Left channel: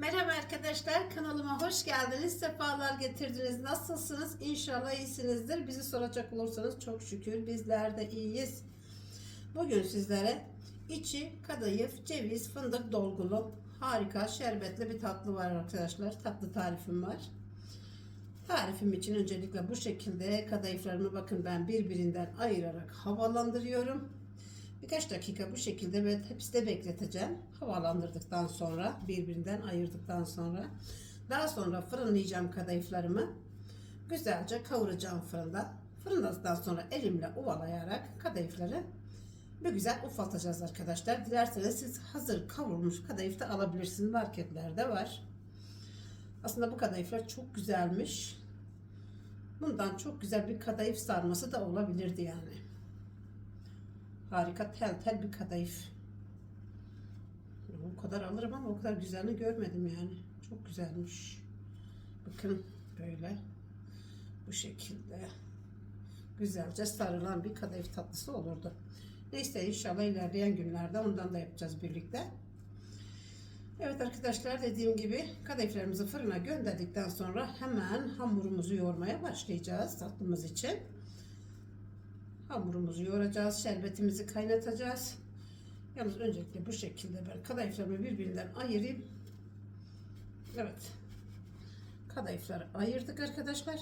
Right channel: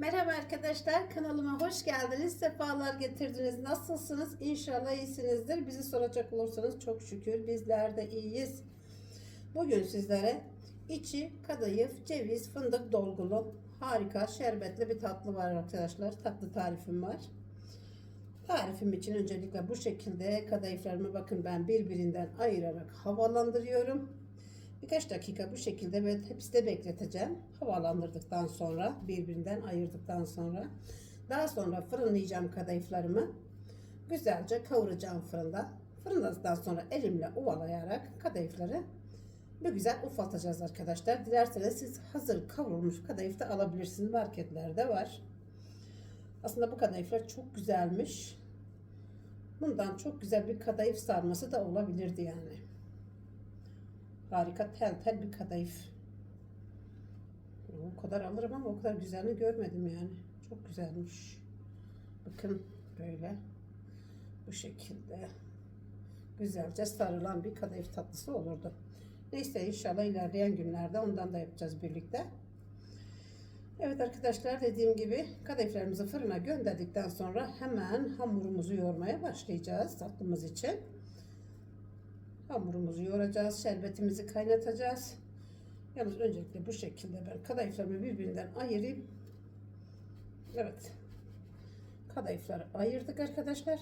Merhaba arkadaşlar kanalıma hoş geldiniz. Sefalar getirdiniz. Nasılsınız? İnşallah iyisinizdir. Bizi soracak olursanız çok şükür bizler de iyiyiz. Bugün sizlere içi kadayıf, ceviz, fındık dolgulu harika şerbetli bir tatlı var arkadaşlar. Tatlı tarifim var. Tarifim için öncelikle bu şekilde kadayıflarımı bakın ben birbirinden ayırarak havalandırıyorum. Birkaç dakika bu şekilde ve tepside bekleteceğim. Havalandırdıktan sonra, birbirinden ayırdıktan sonra. Daha sonra fırınlayacağım kadayıflarımı. Güzelce kavuracağım fırında. Fırınladıktan sonra elimle ovalayarak kadayıfları bir güzel ufaltacağız arkadaşlar. Dilerseniz siz hazır kavrulmuş kadayıf da alabilirsiniz. Marketlerde var. Aslında bu kadayıflar çok güzelmiş. Bundan çok güzel bir kadayıf sarması da olabilirdi yani. Harika tel tel bir kadayıf. O kadar alırım ama o kadar güzelini görmedim yani. Çok güzelmiş. Bakın böyle. Bu şekilde. Güzelce sarılan bir kadayıf tatlısı olurdu. Neyse inşallah ilerleyen günlerde ondan da yapacağız birlikte. Evet arkadaşlar dediğim gibi kadayıflarımızı fırına gönderdikten sonra hemen hamurumuzu yoğurmaya başlayacağız tatlımız için. Hamurumuzu yoğuracağız. Şerbetimizi kaynatacağız. Yalnız öncelikle bu şekilde ben kadayıflarımı birbirinden ayırayım. Evet. Kadayıfları ayırdık arkadaşlar.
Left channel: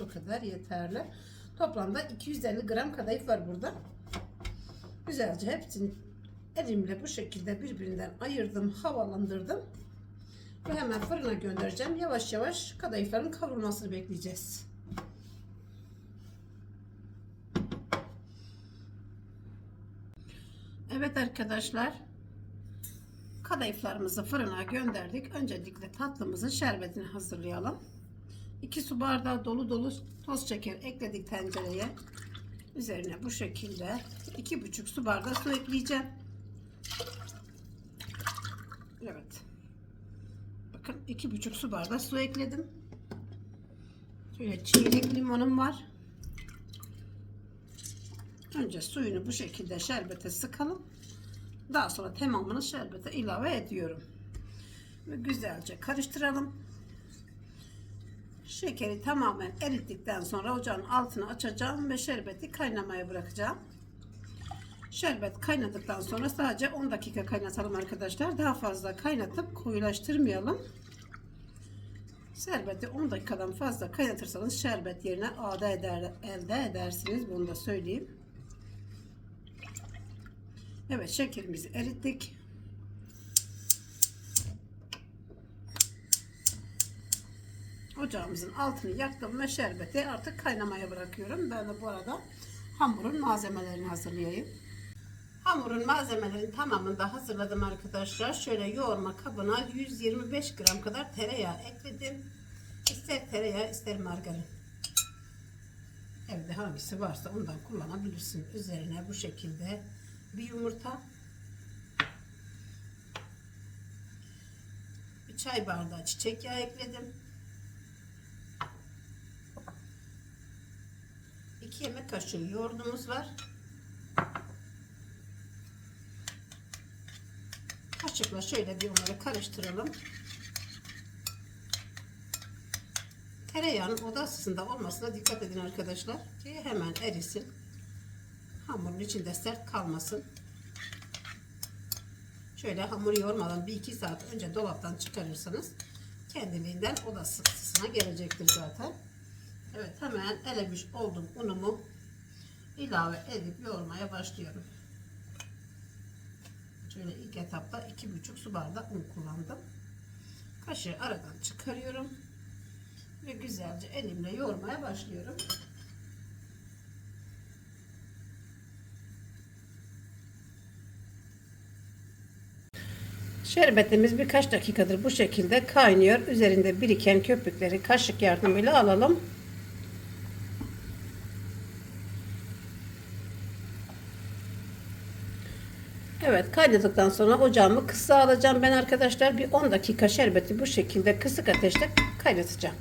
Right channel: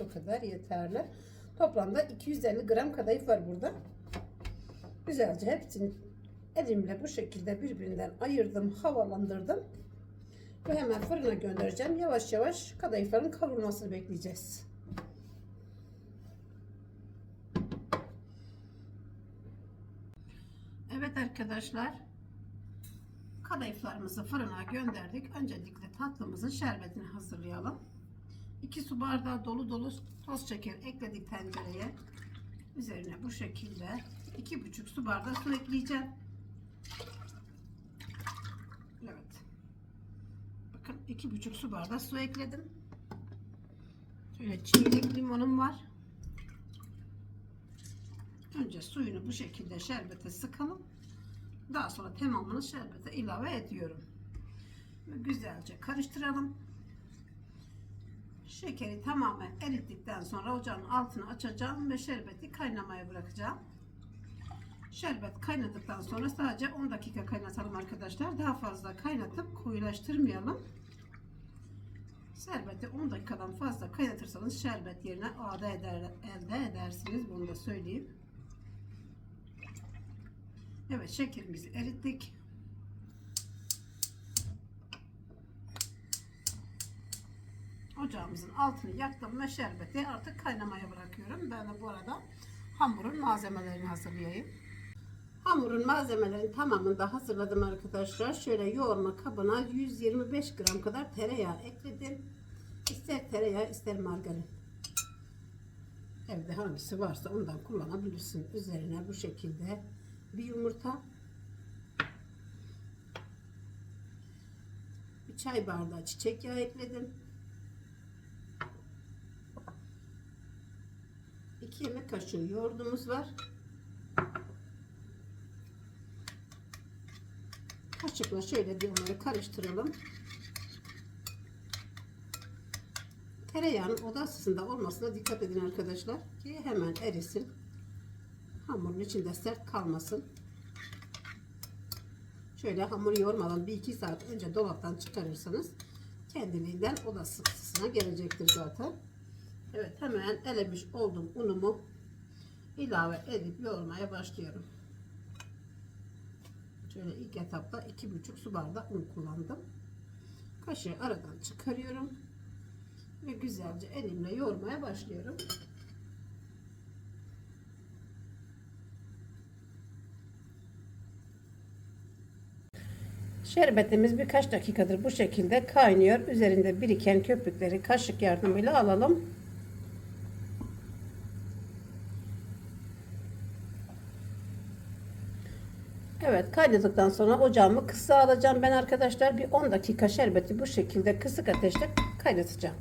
Bu kadar yeterli. Toplamda 250 gram kadayıf var burada. Güzelce hepsini elimle bu şekilde birbirinden ayırdım, havalandırdım. Ve hemen fırına göndereceğim. Yavaş yavaş kadayıfların kavrulmasını bekleyeceğiz. Evet arkadaşlar. Kadayıflarımızı fırına gönderdik. Öncelikle tatlımızın şerbetini hazırlayalım. 2 su bardağı dolu dolu toz şeker ekledik tencereye. Üzerine bu şekilde 2,5 su bardağı su ekleyeceğim. Evet. Bakın iki buçuk su bardağı su ekledim. Şöyle çeyrek limonum var. Önce suyunu bu şekilde şerbete sıkalım. Daha sonra tamamını şerbete ilave ediyorum. Ve güzelce karıştıralım. Şekeri tamamen erittikten sonra ocağın altını açacağım ve şerbeti kaynamaya bırakacağım. Şerbet kaynadıktan sonra sadece 10 dakika kaynatalım arkadaşlar. Daha fazla kaynatıp koyulaştırmayalım. Şerbeti 10 dakikadan fazla kaynatırsanız şerbet yerine ağda eder, elde edersiniz. Bunu da söyleyeyim. Evet şekerimizi erittik. Ocağımızın altını yaktım ve şerbeti artık kaynamaya bırakıyorum. Ben de bu arada hamurun malzemelerini hazırlayayım. Hamurun malzemelerini tamamını da hazırladım arkadaşlar. Şöyle yoğurma kabına 125 gram kadar tereyağı ekledim. İster tereyağı ister margarin. Evde hangisi varsa ondan kullanabilirsin. Üzerine bu şekilde bir yumurta. Bir çay bardağı çiçek yağı ekledim. 2 yemek kaşığı yoğurdumuz var. Kaşıkla şöyle bir onları karıştıralım. Tereyağının oda ısısında olmasına dikkat edin arkadaşlar. Ki hemen erisin. Hamurun içinde sert kalmasın. Şöyle hamuru yoğurmadan bir iki saat önce dolaptan çıkarırsanız kendiliğinden oda ısısına gelecektir zaten. Evet hemen elemiş olduğum unumu ilave edip yoğurmaya başlıyorum. Şöyle ilk etapta iki buçuk su bardağı un kullandım. Kaşığı aradan çıkarıyorum. Ve güzelce elimle yoğurmaya başlıyorum. Şerbetimiz birkaç dakikadır bu şekilde kaynıyor. Üzerinde biriken köpükleri kaşık yardımıyla alalım. Evet kaynadıktan sonra ocağımı kısa alacağım. Ben arkadaşlar bir 10 dakika şerbeti bu şekilde kısık ateşte kaynatacağım.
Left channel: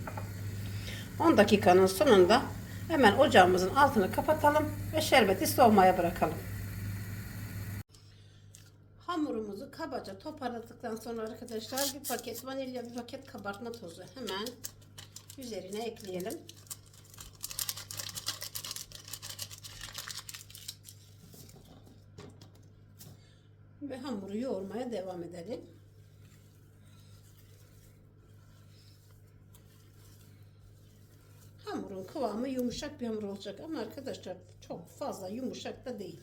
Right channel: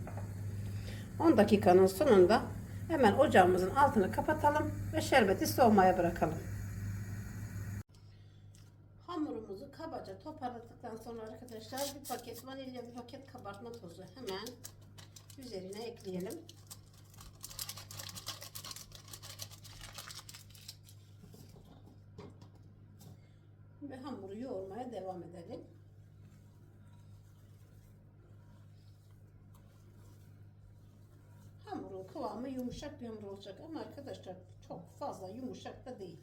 10 dakikanın sonunda Hemen ocağımızın altını kapatalım ve şerbeti soğumaya bırakalım. Hamurumuzu kabaca toparladıktan sonra arkadaşlar bir paket vanilya, bir paket kabartma tozu hemen üzerine ekleyelim. Ve hamuru yoğurmaya devam edelim. Hamurun kıvamı yumuşak bir hamur olacak ama arkadaşlar çok fazla yumuşak da değil.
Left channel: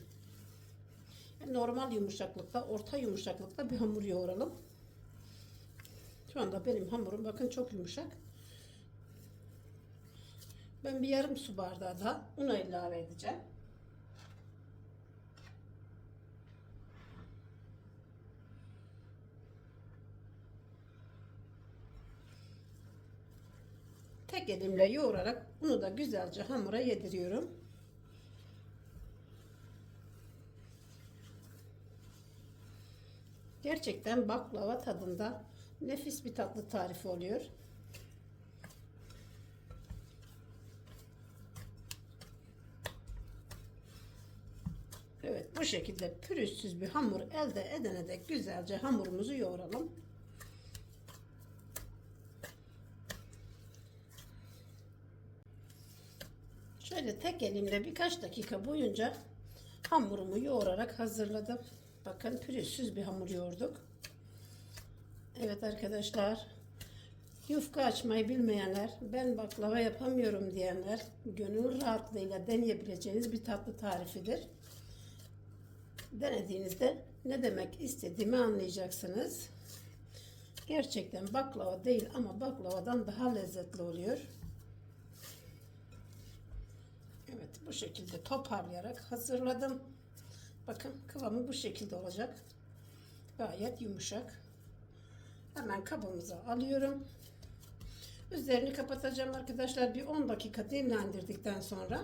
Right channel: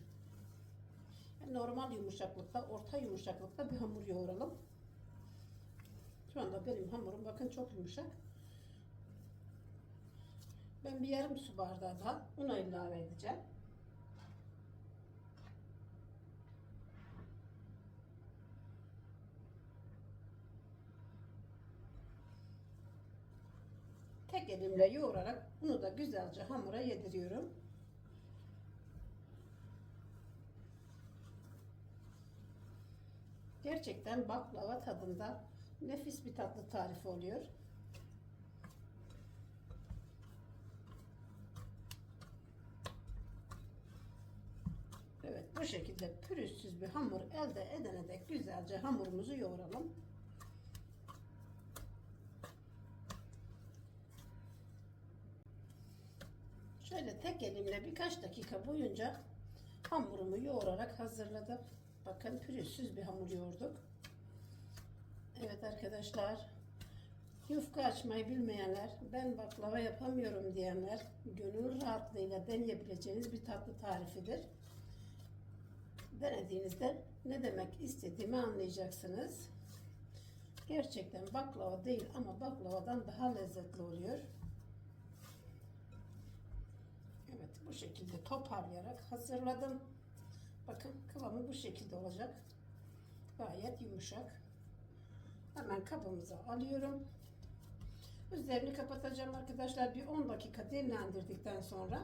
Normal yumuşaklıkta, orta yumuşaklıkta bir hamur yoğuralım. Şu anda benim hamurum bakın çok yumuşak. Ben bir yarım su bardağı da una ilave edeceğim. Tek elimle yoğurarak bunu da güzelce hamura yediriyorum. Gerçekten baklava tadında nefis bir tatlı tarifi oluyor. Evet bu şekilde pürüzsüz bir hamur elde edene dek güzelce hamurumuzu yoğuralım. Şöyle tek elimle birkaç dakika boyunca hamurumu yoğurarak hazırladım. Bakın pürüzsüz bir hamur yoğurduk. Evet arkadaşlar yufka açmayı bilmeyenler ben baklava yapamıyorum diyenler gönül rahatlığıyla deneyebileceğiniz bir tatlı tarifidir. Denediğinizde ne demek istediğimi anlayacaksınız. Gerçekten baklava değil ama baklavadan daha lezzetli oluyor. Bu şekilde toparlayarak hazırladım. Bakın kıvamı bu şekilde olacak. Gayet yumuşak. Hemen kabımıza alıyorum. Üzerini kapatacağım arkadaşlar. Bir 10 dakika dinlendirdikten sonra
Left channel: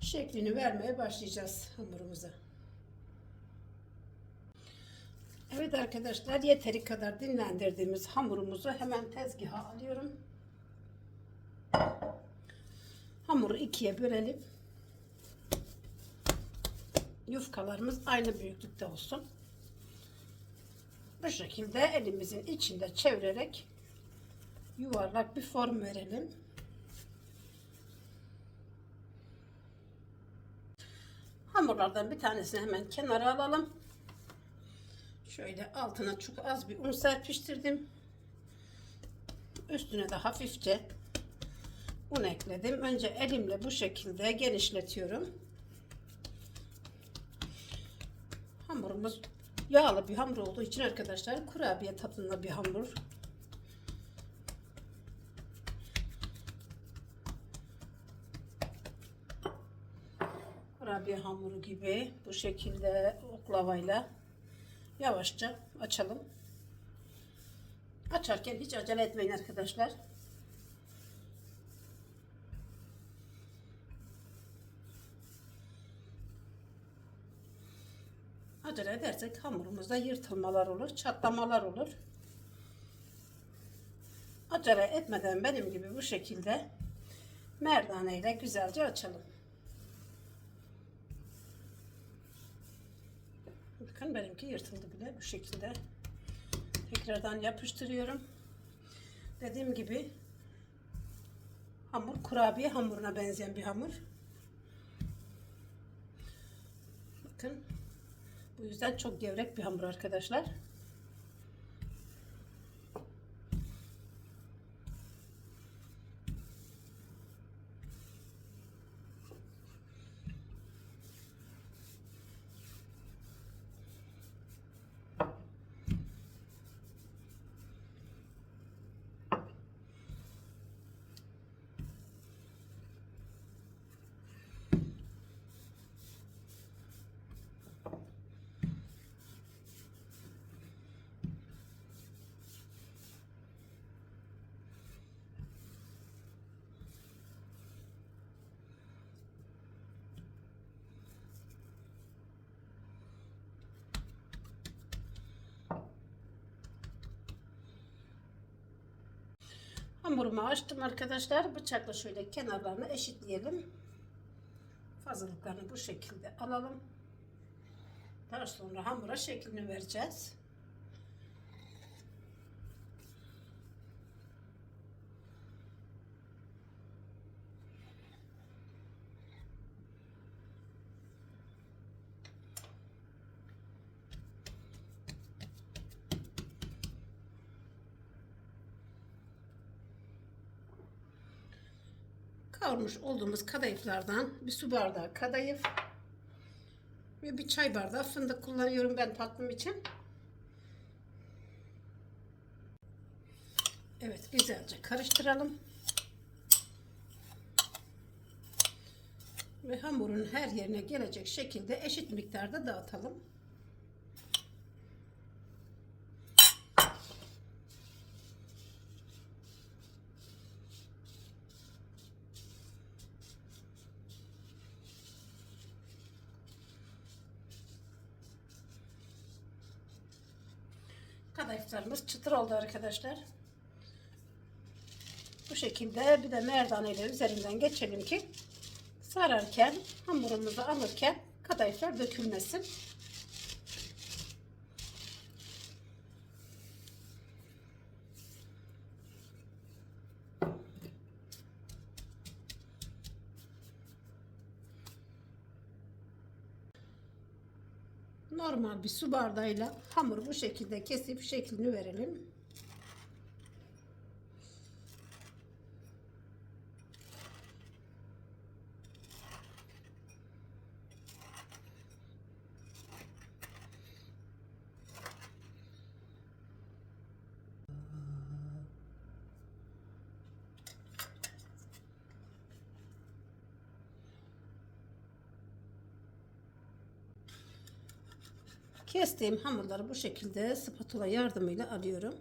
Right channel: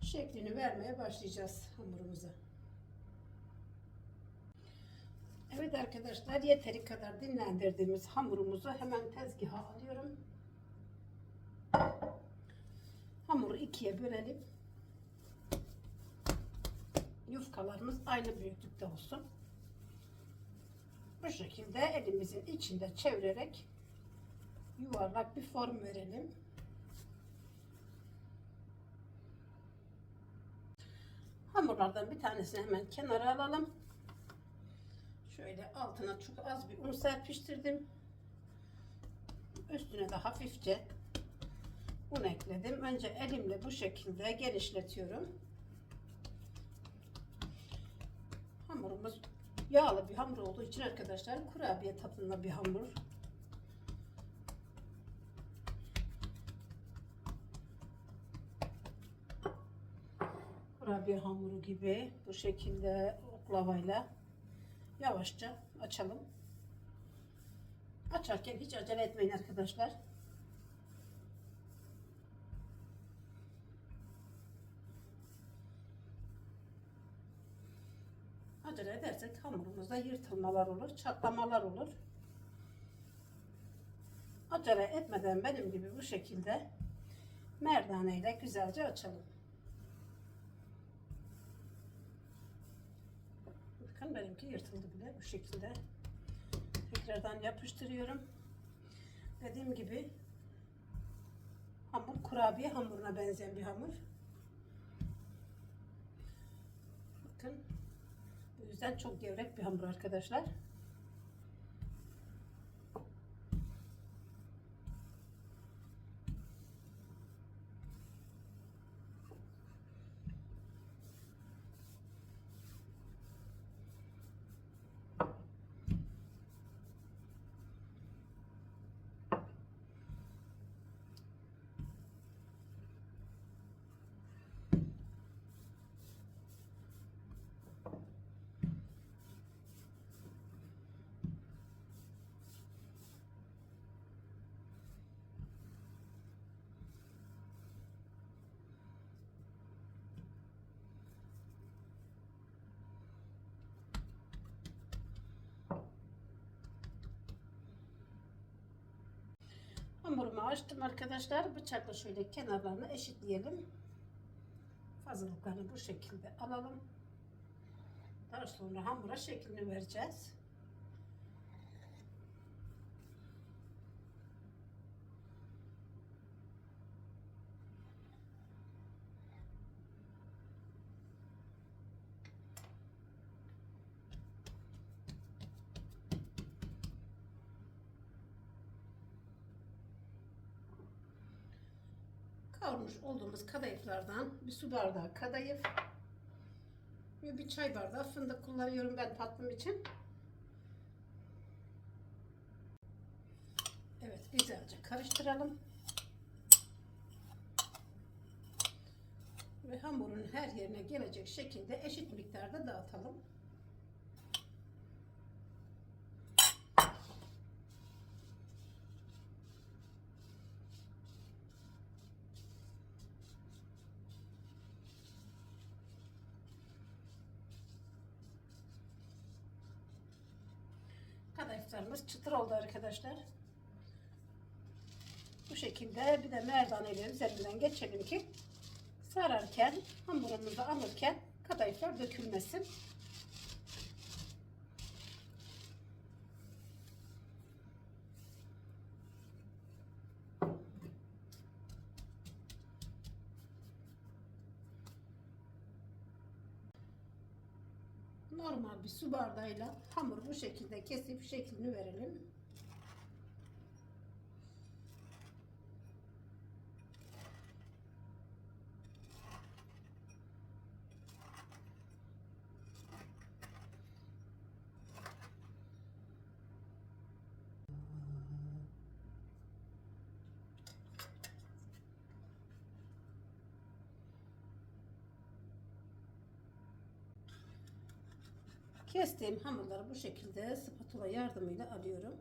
şeklini vermeye başlayacağız hamurumuza. Evet arkadaşlar yeteri kadar dinlendirdiğimiz hamurumuzu hemen tezgaha alıyorum. Hamuru ikiye bölelim. Yufkalarımız aynı büyüklükte olsun. Bu şekilde elimizin içinde çevirerek yuvarlak bir form verelim. Hamurlardan bir tanesini hemen kenara alalım. Şöyle altına çok az bir un serpiştirdim. Üstüne de hafifçe un ekledim. Önce elimle bu şekilde genişletiyorum. Hamurumuz yağlı bir hamur olduğu için arkadaşlar kurabiye tadında bir hamur. Kurabiye hamuru gibi bu şekilde oklavayla yavaşça açalım. Açarken hiç acele etmeyin arkadaşlar. Acele edersek hamurumuzda yırtılmalar olur, çatlamalar olur. Acele etmeden benim gibi bu şekilde merdane ile güzelce açalım. Bakın benimki yırtıldı bile bu şekilde. Tekrardan yapıştırıyorum. Dediğim gibi hamur kurabiye hamuruna benzeyen bir hamur. Bakın bu yüzden çok gevrek bir hamur arkadaşlar. Hamurumu açtım arkadaşlar. Bıçakla şöyle kenarlarını eşitleyelim. Fazlalıklarını bu şekilde alalım. Daha sonra hamura şeklini vereceğiz. Kavurmuş olduğumuz kadayıflardan bir su bardağı kadayıf ve bir çay bardağı fındık kullanıyorum ben tatlım için. Evet güzelce karıştıralım. Ve hamurun her yerine gelecek şekilde eşit miktarda dağıtalım. Kadayıflarımız çıtır oldu arkadaşlar. Bu şekilde bir de merdane ile üzerinden geçelim ki sararken hamurumuzu alırken kadayıflar dökülmesin. Normal bir su bardağıyla hamuru bu şekilde kesip şeklini verelim. Kestiğim hamurları bu şekilde spatula yardımıyla alıyorum.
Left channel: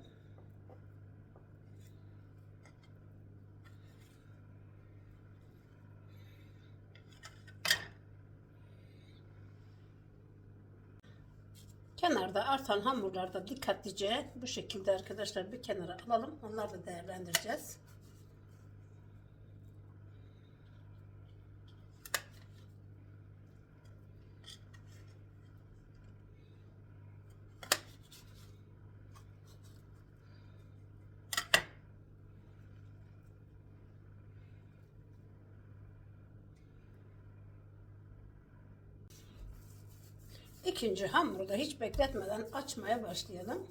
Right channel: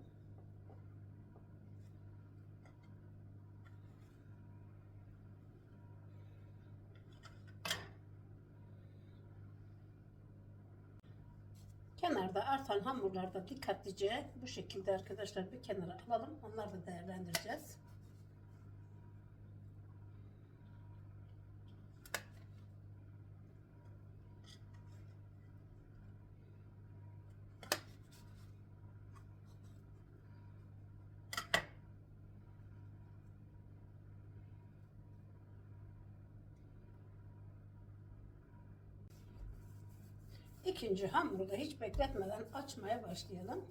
Kenarda artan hamurlarda dikkatlice bu şekilde arkadaşlar bir kenara alalım. Onları da değerlendireceğiz. İkinci hamuru da hiç bekletmeden açmaya başlayalım.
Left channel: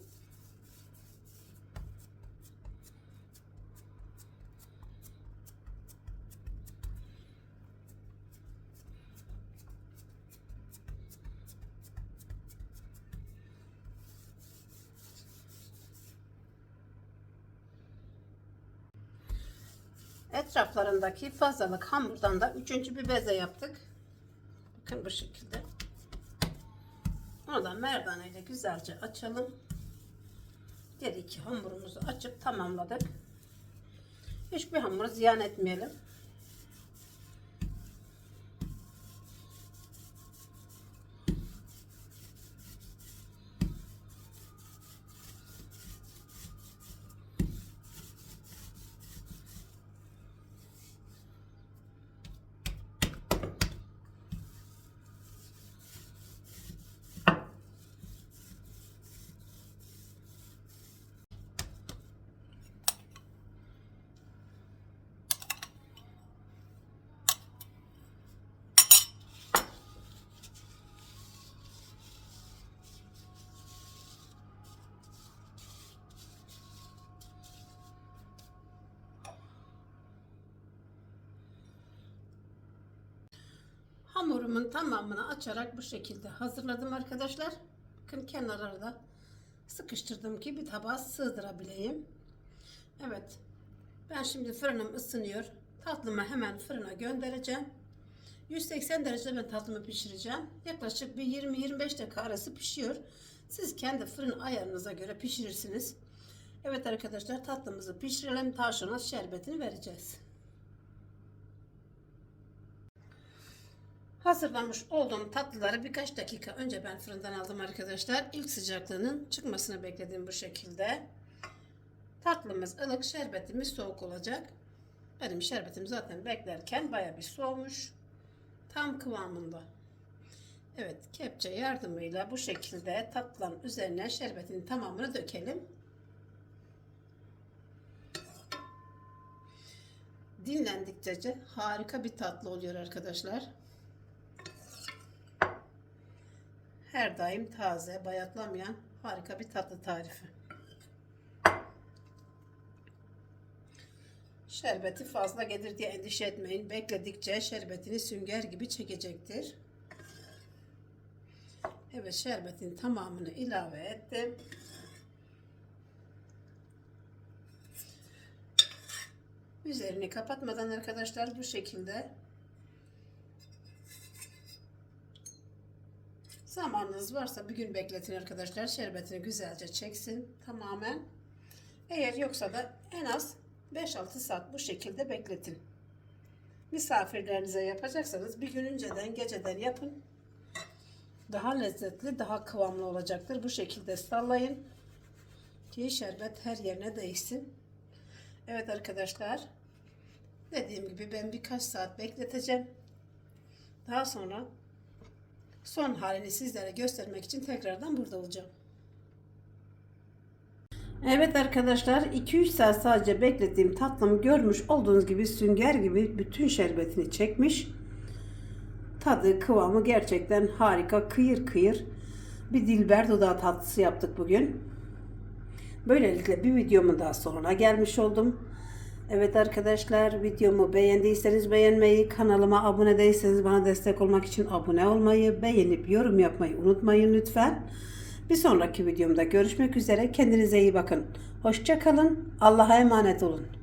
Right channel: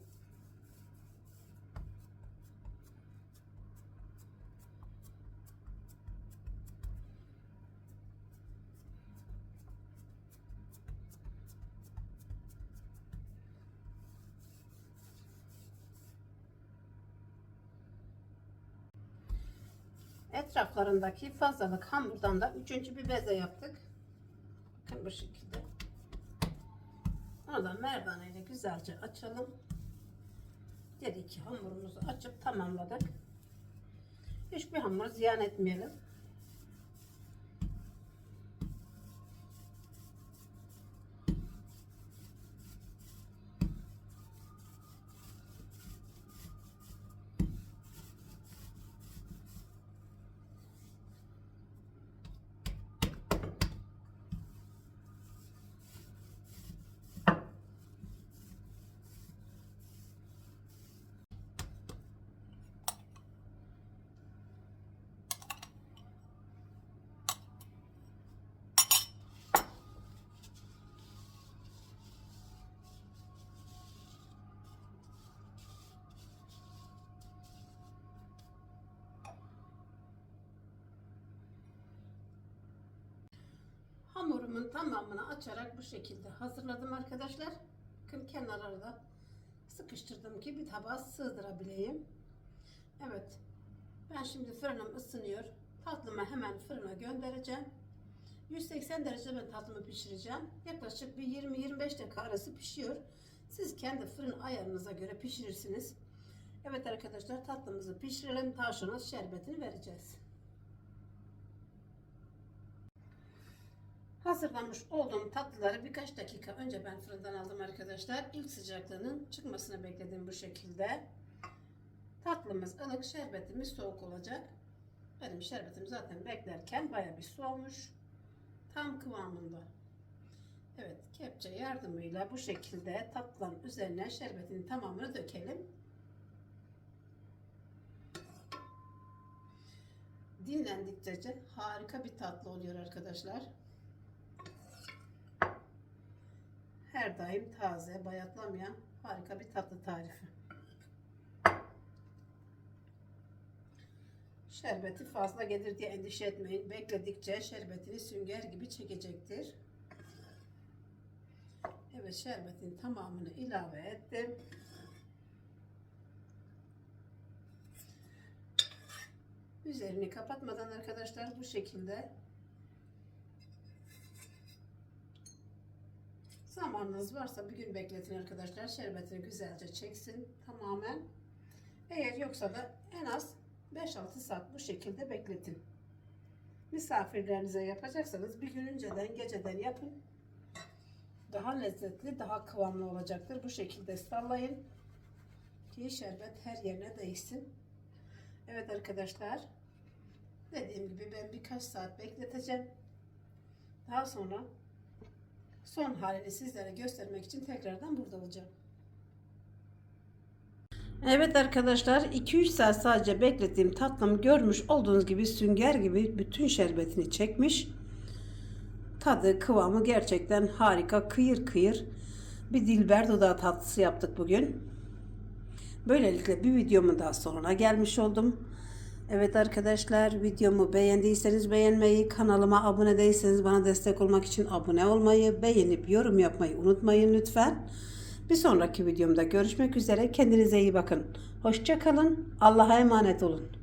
Etraflarındaki fazlalık hamurdan da üçüncü bir beze yaptık. Bakın bu şekilde. Onu da merdane ile güzelce açalım. Diğer iki hamurumuzu açıp tamamladık. Hiçbir hamuru ziyan etmeyelim. Hamurumun tamamını açarak bu şekilde hazırladım arkadaşlar. Bakın kenarları da sıkıştırdım ki bir tabağa sığdırabileyim. Evet. Ben şimdi fırınım ısınıyor. Tatlımı hemen fırına göndereceğim. 180 derecede ben tatlımı pişireceğim. Yaklaşık bir 20-25 dakika arası pişiyor. Siz kendi fırın ayarınıza göre pişirirsiniz. Evet arkadaşlar tatlımızı pişirelim. Sonra şerbetini vereceğiz. Hazırlamış olduğum tatlıları birkaç dakika önce ben fırından aldım arkadaşlar. İlk sıcaklığının çıkmasını bekledim bu şekilde. Tatlımız ılık, şerbetimiz soğuk olacak. Benim şerbetim zaten beklerken baya bir soğumuş. Tam kıvamında. Evet, kepçe yardımıyla bu şekilde tatlının üzerine şerbetin tamamını dökelim. Dinlendikçe harika bir tatlı oluyor arkadaşlar. Her daim taze, bayatlamayan harika bir tatlı tarifi. Şerbeti fazla gelir diye endişe etmeyin. Bekledikçe şerbetini sünger gibi çekecektir. Evet şerbetin tamamını ilave ettim. Üzerini kapatmadan arkadaşlar bu şekilde zamanınız varsa bir gün bekletin arkadaşlar. Şerbetini güzelce çeksin tamamen. Eğer yoksa da en az 5-6 saat bu şekilde bekletin. Misafirlerinize yapacaksanız bir gün önceden geceden yapın. Daha lezzetli, daha kıvamlı olacaktır. Bu şekilde sallayın ki şerbet her yerine değsin. Evet arkadaşlar. Dediğim gibi ben birkaç saat bekleteceğim. Daha sonra son halini sizlere göstermek için tekrardan burada olacağım. Evet arkadaşlar 2-3 saat sadece beklettiğim tatlımı görmüş olduğunuz gibi sünger gibi bütün şerbetini çekmiş. Tadı kıvamı gerçekten harika kıyır kıyır bir dilber dudağı tatlısı yaptık bugün. Böylelikle bir videomun daha sonuna gelmiş oldum. Evet arkadaşlar videomu beğendiyseniz beğenmeyi, kanalıma abone değilseniz bana destek olmak için abone olmayı, beğenip yorum yapmayı unutmayın lütfen. Bir sonraki videomda görüşmek üzere. Kendinize iyi bakın. Hoşça kalın. Allah'a emanet olun.